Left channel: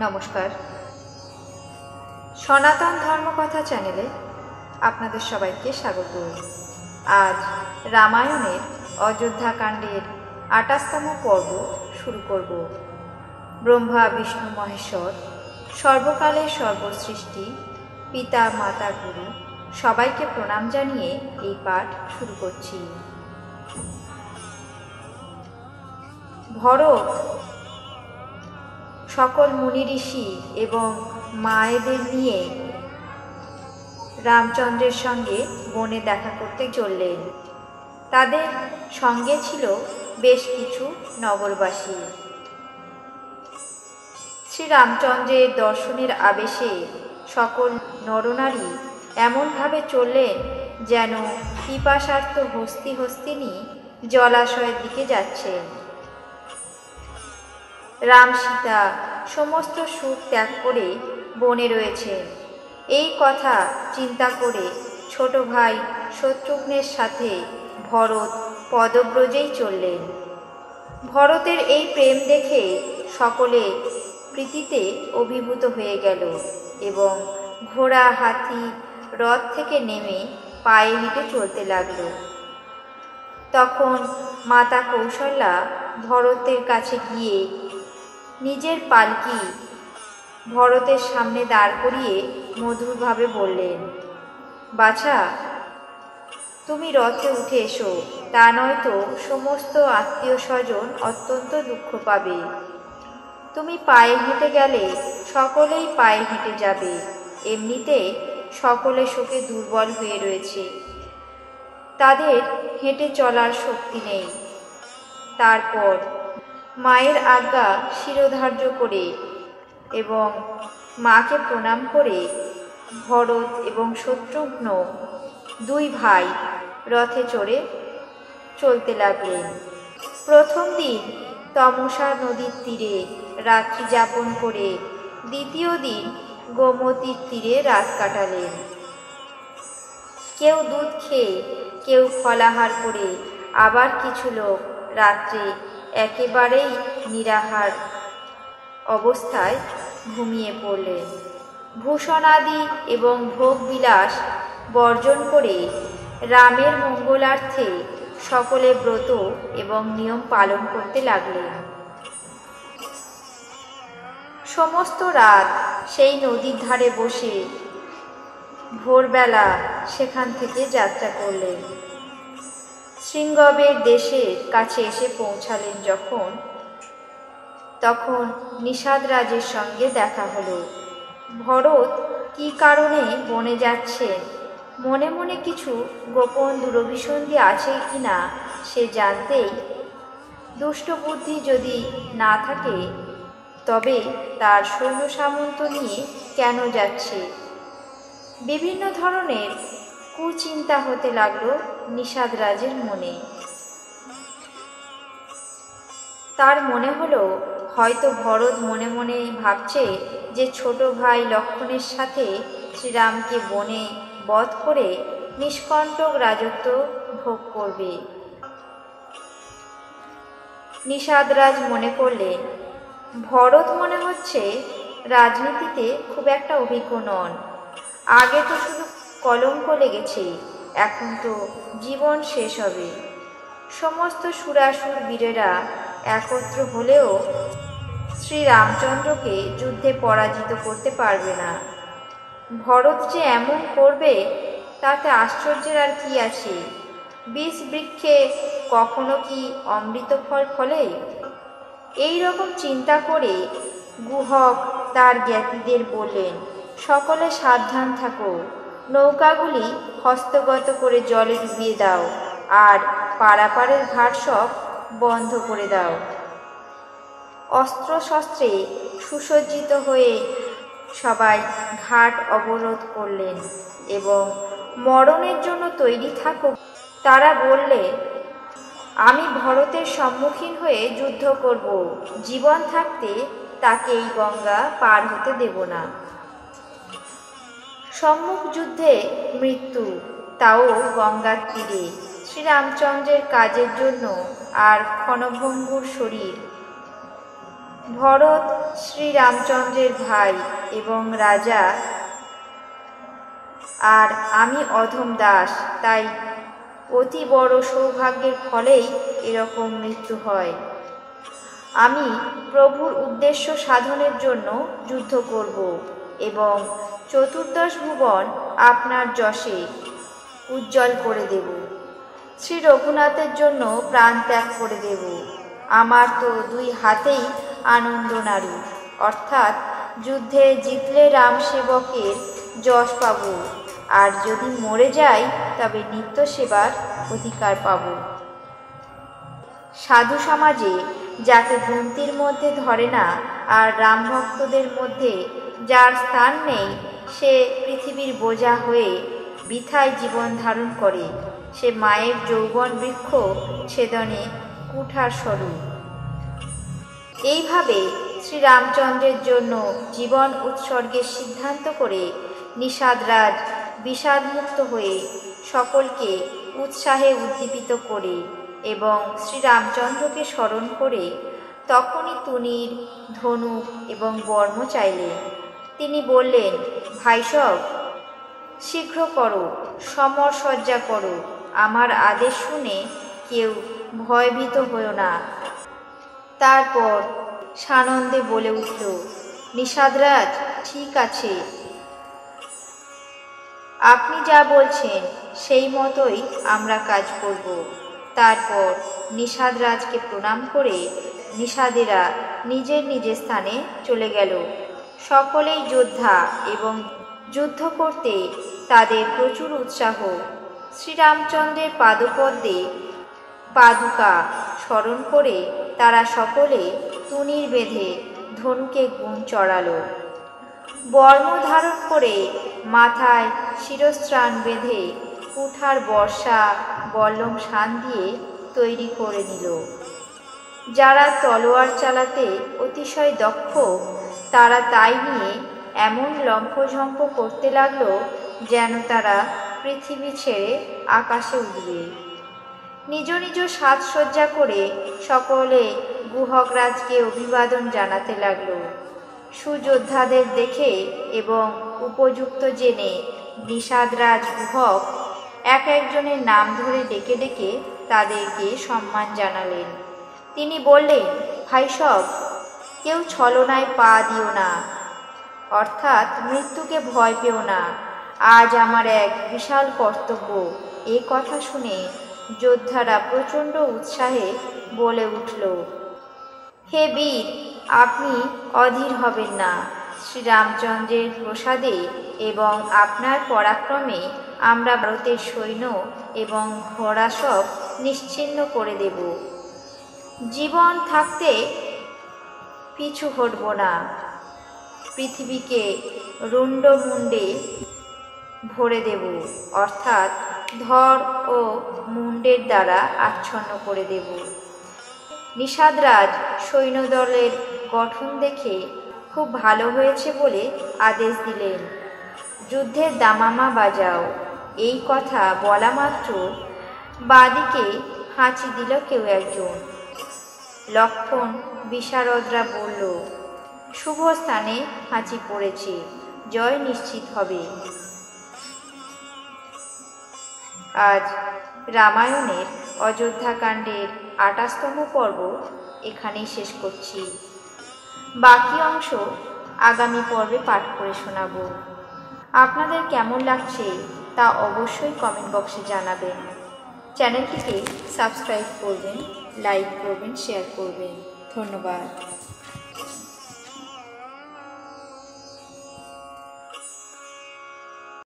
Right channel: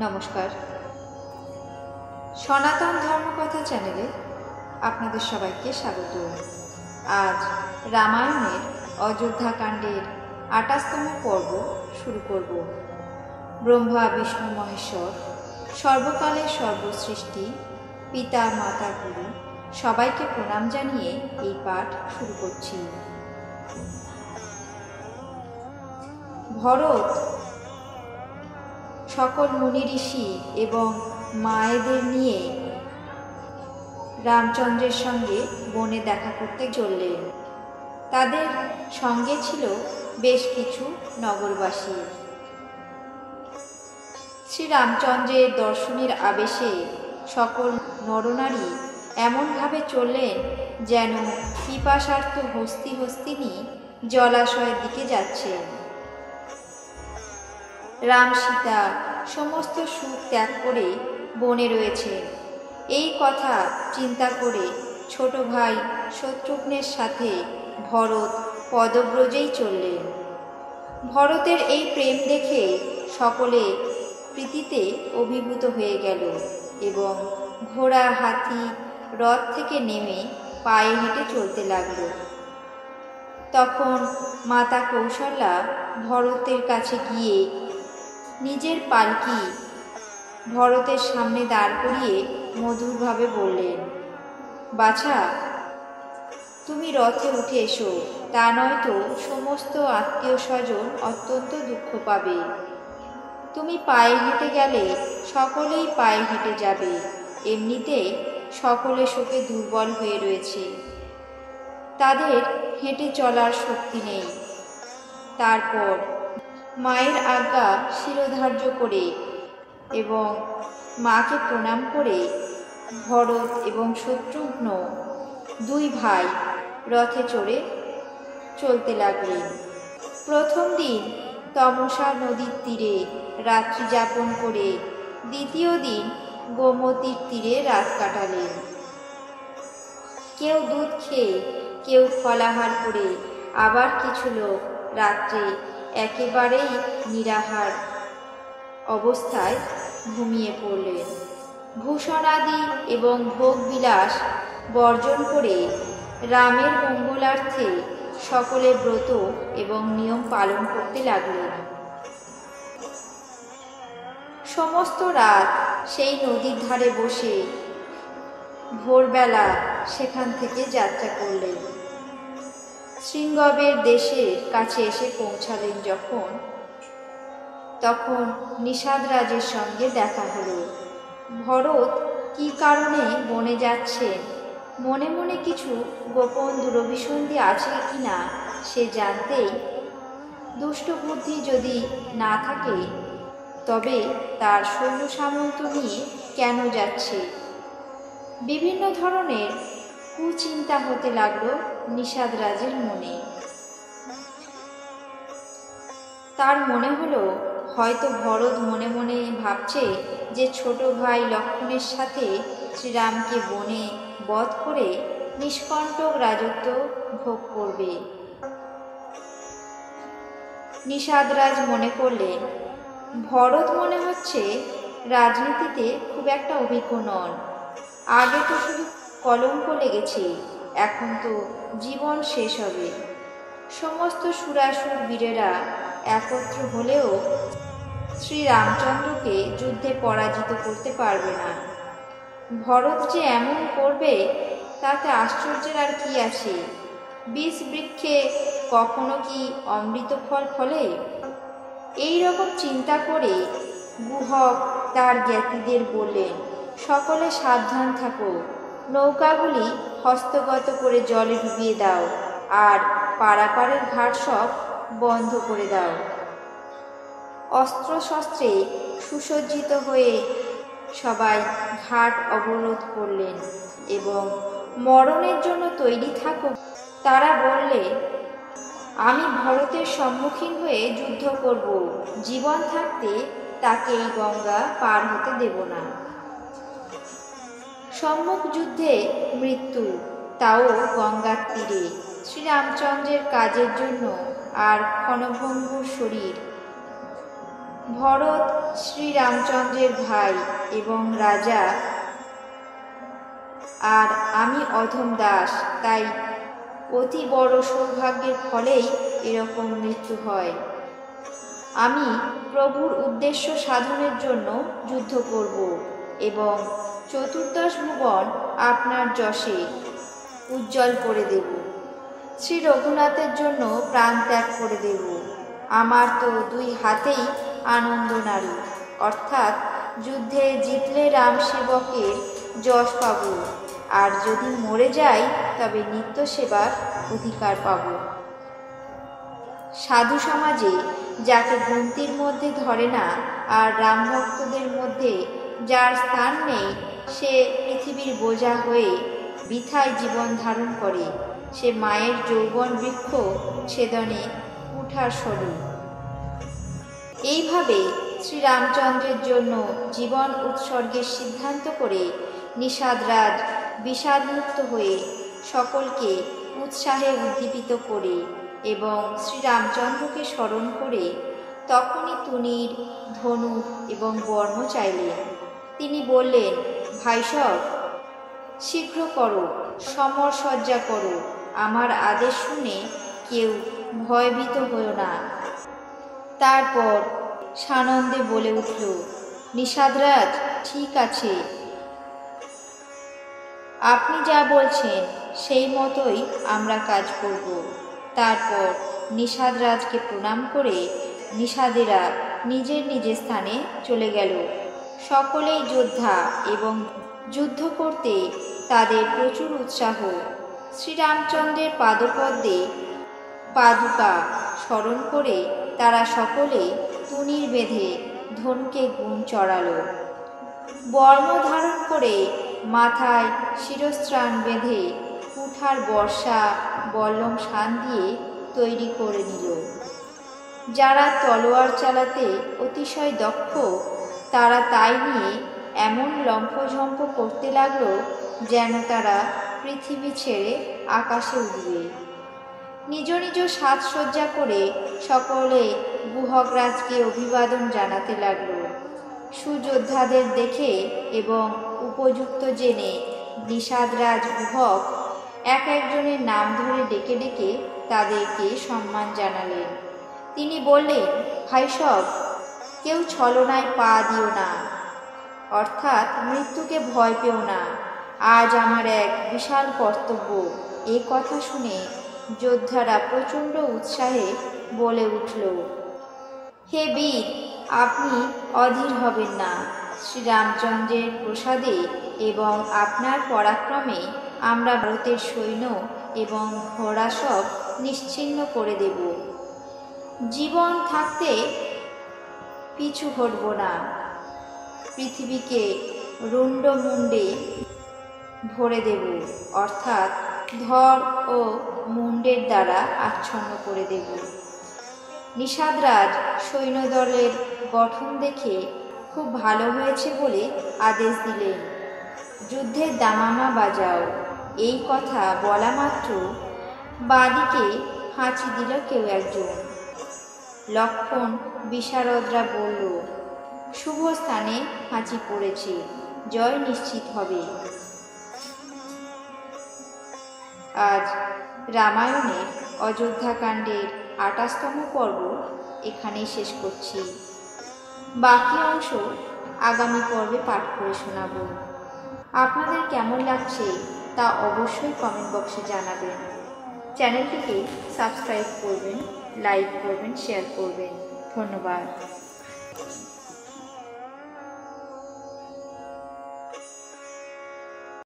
নমস্কার। সনাতন ধর্মকথা চ্যানেলে আপনাদের সবাইকে স্বাগত। আজ রামায়ণের অযোধ্যাকাণ্ডের ২৮তম পর্ব শুরু করব। ব্রহ্মা বিষ্ণু মহেশ্বর সর্বকালের সর্বসৃষ্টি পিতা মাতা গুরু সবাইকে প্রণাম জানিয়ে এই পাঠ শুরু করছি। ভরত সকল মুনি ঋষি এবং মায়েদের নিয়ে রামচন্দ্রের সঙ্গে বনে দেখা করতে চললেন। তাদের সঙ্গে ছিল বেশ কিছু নগরবাসী। শ্রীরামচন্দ্রের দর্শনের আবেশে সকল নরনারী এমনভাবে চললেন যেন পিপাসার্ত হস্তিনী জলাশয়ের দিকে যাচ্ছেন। রাম সীতা সমস্ত সুখ ত্যাগ করে বনে রয়েছেন এই কথা চিন্তা করে ছোট ভাই শত্রুঘ্নের সাথে ভরত পদব্রজেই চললেন। ভরতের এই প্রেম দেখে সকলে প্রীতিতে অভিভূত হয়ে গেল এবং ঘোড়া হাতি রথ থেকে নেমে পায়ে হেঁটে চলতে লাগল। তখন মাতা কৌশল্যা ভরতের কাছে গিয়ে নিজের পালকি ভরতের সামনে দাঁড় করিয়ে মধুরভাবে বললেন, বাছা, তুমি রথে উঠে এসো, তা নয়তো সমস্ত আত্মীয় স্বজন অত্যন্ত দুঃখ পাবে। তুমি পায়ে হেঁটে গেলে সকলেই পায়ে হেঁটে যাবে, এমনিতে সকলে শোকে দুর্বল হয়ে রয়েছে, তাদের হেঁটে চলার শক্তি নেই। তারপর মায়ের আজ্ঞা শিরোধার্য করে এবং মাকে প্রণাম করে ভরত এবং শত্রুঘ্ন দুই ভাই রথে চড়ে চলতে লাগলেন। প্রথম দিন তমসা নদীর তীরে রাত্রি যাপন করে দ্বিতীয় দিন গোমতীর তীরে রাত কাটালেন। কেউ দুধ খেয়ে, কেউ ফলাহার করে, আবার কিছু লোক রাত্রে একেবারেই নিরাহার অবস্থায় ঘুমিয়ে পড়লেন। ভূষণাদি এবং ভোগবিলাস বর্জন করে রামের মঙ্গলার্থে সকলে ব্রত এবং নিয়ম পালন করতে লাগলেন। সমস্ত রাত সেই নদীর ধারে বসে ভোরবেলা সেখান থেকে যাত্রা করলেন। শৃঙ্গবের দেশের কাছে এসে পৌঁছালেন তখন নিষাদরাজের সঙ্গে দেখা হলো। ভরত কি কারণে বনে যাচ্ছেন, মনে মনে কিছু গোপন দুরভিসন্ধি আছে কিনা সে জানতেই, দুষ্ট বুদ্ধি যদি না থাকে তবে তার সৈন্য সামন্ত নিয়ে কেন যাচ্ছে, বিভিন্ন ধরনের কুচিন্তা হতে লাগলো নিষাদরাজের মনে। তার মনে হলো হয়তো ভরত মনে মনে ভাবছে যে ছোট ভাই লক্ষ্মণের সাথে শ্রীরামকে বনে বধ করে নিষ্কণ্টক রাজত্ব ভোগ করবে। নিষাদরাজ মনে করলেন, ভরত মনে হচ্ছে রাজনীতিতে খুব একটা অভিজ্ঞ নন, আগে তো শুধু কলঙ্ক লেগেছে, এখন তো জীবন শেষ হবে। সমস্ত সুরাসুর বীরেরা একত্র হলেও শ্রীরামচন্দ্রকে যুদ্ধে পরাজিত করতে পারবে না। ভরত যে এমন করবে তাতে আশ্চর্যের আর কি আছে, বীজ বৃক্ষে কখনো কি অমৃত ফল ফলে? এই রকম চিন্তা করে গুহক তার জ্ঞাতিদের বললেন, সকলে সাবধান থাকো, নৌকাগুলি হস্তগত করে জলে ডুবিয়ে দাও আর পারাপারের ঘাট সব বন্ধ করে দাও। অস্ত্রশস্ত্রে সুসজ্জিত হয়ে সবাই ঘাট অবরোধ করলেন এবং মরণের জন্য তৈরি থাকো। তারা বললে, আমি ভরতের সম্মুখীন হয়ে যুদ্ধ করব, জীবন থাকতে তাকে এই গঙ্গা পার হতে দেব না। সম্মুখ যুদ্ধে মৃত্যু, তাও গঙ্গার তীরে, শ্রীরামচন্দ্রের কাজের জন্য আর ক্ষণভঙ্গুর শরীর ভরত শ্রীরামচন্দ্রের ভাই এবং রাজা, আর আমি অধম দাস, তাই অতি বড় সৌভাগ্যের ফলেই এরকম মৃত্যু হয়। আমি প্রভুর উদ্দেশ্য সাধনের জন্য যুদ্ধ করব এবং চতুর্দশ ভুবন আপনার যশে উজ্জ্বল করে দেব। শ্রী রঘুনাথের জন্য প্রাণ ত্যাগ করে দেব। আমার তো দুই হাতেই আনন্দ নাড়ু, অর্থাৎ যুদ্ধে জিতলে রাম সেবকের যশ পাব, আর যদি মরে যাই তবে নিত্য সেবার অধিকার পাব। সাধু সমাজে যাকে গুনতির মধ্যে ধরে না, আর রাম ভক্তদের মধ্যে যার স্থান নেই, সে পৃথিবীর বোঝা হয়ে বৃথায় জীবন ধারণ করে। সে মায়ের যৌবন বৃক্ষ ছেদনে কুঠার স্বরূপ। এইভাবে শ্রীরামচন্দ্রের জন্য জীবন উৎসর্গের সিদ্ধান্ত করে নিষাদরাজ বিষাদমুক্ত হয়ে সকলকে উৎসাহে উদ্দীপিত করে এবং শ্রীরামচন্দ্রকে স্মরণ করে তখনই তুনীর, ধনুক এবং বর্ম চাইলেন। তিনি বললেন, ভাইসব, শীঘ্র করো, সমরসজ্জা করো। আমার আদেশ শুনে কেউ ভয়ভীত হও না। তারপর সানন্দে বলে উঠল, নিষাদরাজ, ঠিক আছে, আপনি যা বলছেন সেই মতোই আমরা কাজ করব। তারপর নিষাদরাজকে প্রণাম করে নিষাদেরা নিজের নিজের স্থানে চলে গেল। সকলেই যোদ্ধা এবং যুদ্ধ করতে তাদের প্রচুর উৎসাহ। শ্রীরামচন্দ্রের পাদপদ্মে পাদুকা স্মরণ করে তারা সকলে তুনীর বেঁধে ধনুকে গুণ চড়ালো। বর্ম ধারণ করে মাথায় শিরস্ত্রাণ বেঁধে কুঠার, বর্ষা, বল্লম শান দিয়ে তৈরি করে নিল। যারা তলোয়ার চালাতে অতিশয় দক্ষ, তারা তাই নিয়ে এমন লম্ফঝম্প করতে লাগলো যেন তারা পৃথিবী ছেড়ে আকাশে উড়বে। নিজ নিজ সাজসজ্জা করে সকলে গুহকরাজকে অভিবাদন জানাতে লাগলো। সুযোদ্ধাদের দেখে এবং উপযুক্ত জেনে নিষাদরাজ গুহক এক একজনের নাম ধরে ডেকে ডেকে তাদেরকে সম্মান জানালেন। তিনি বললেন, ভাইসব, কেউ ছলনায় পা দিও না, অর্থাৎ মৃত্যুকে ভয় পেও না। আজ আমার এক বিশাল কর্তব্য। এ কথা শুনে যোদ্ধারা প্রচণ্ড উৎসাহে বলে উঠল, হে বীর, আপনি অধীর হবেন না। শ্রীরামচন্দ্রের প্রসাদে এবং আপনার পরাক্রমে আমরা ভারতের সৈন্য এবং ঘোড়া সব নিশ্চিহ্ন করে দেব। জীবন থাকতে পিছু হটব না। পৃথিবীকে রুণ্ডমুণ্ডে ভরে দেব, অর্থাৎ ধর ও মুণ্ডের দ্বারা আচ্ছন্ন করে দেব। নিষাদরাজ সৈন্যদলের গঠন দেখে খুব ভালো হয়েছে বলে আদেশ দিলেন, যুদ্ধের দামামা বাজাও। এই কথা বলা মাত্র বাঁদিকে হাঁচি দিল কেউ একজন। লক্ষণ বিশারদরা বলল, শুভ স্থানে হাঁচি পড়েছে, জয় নিশ্চিত হবে। আজ রামায়ণের অযোধ্যাকাণ্ডের ২৮তম পর্ব এখানেই শেষ করছি। বাকি অংশ আগামী পর্বে পাঠ করে শোনাব। আপনাদের কেমন লাগছে তা অবশ্যই কমেন্ট বক্সে জানাবেন। চ্যানেলটিকে সাবস্ক্রাইব করবেন, লাইক করবেন, শেয়ার করবেন। ধন্যবাদ।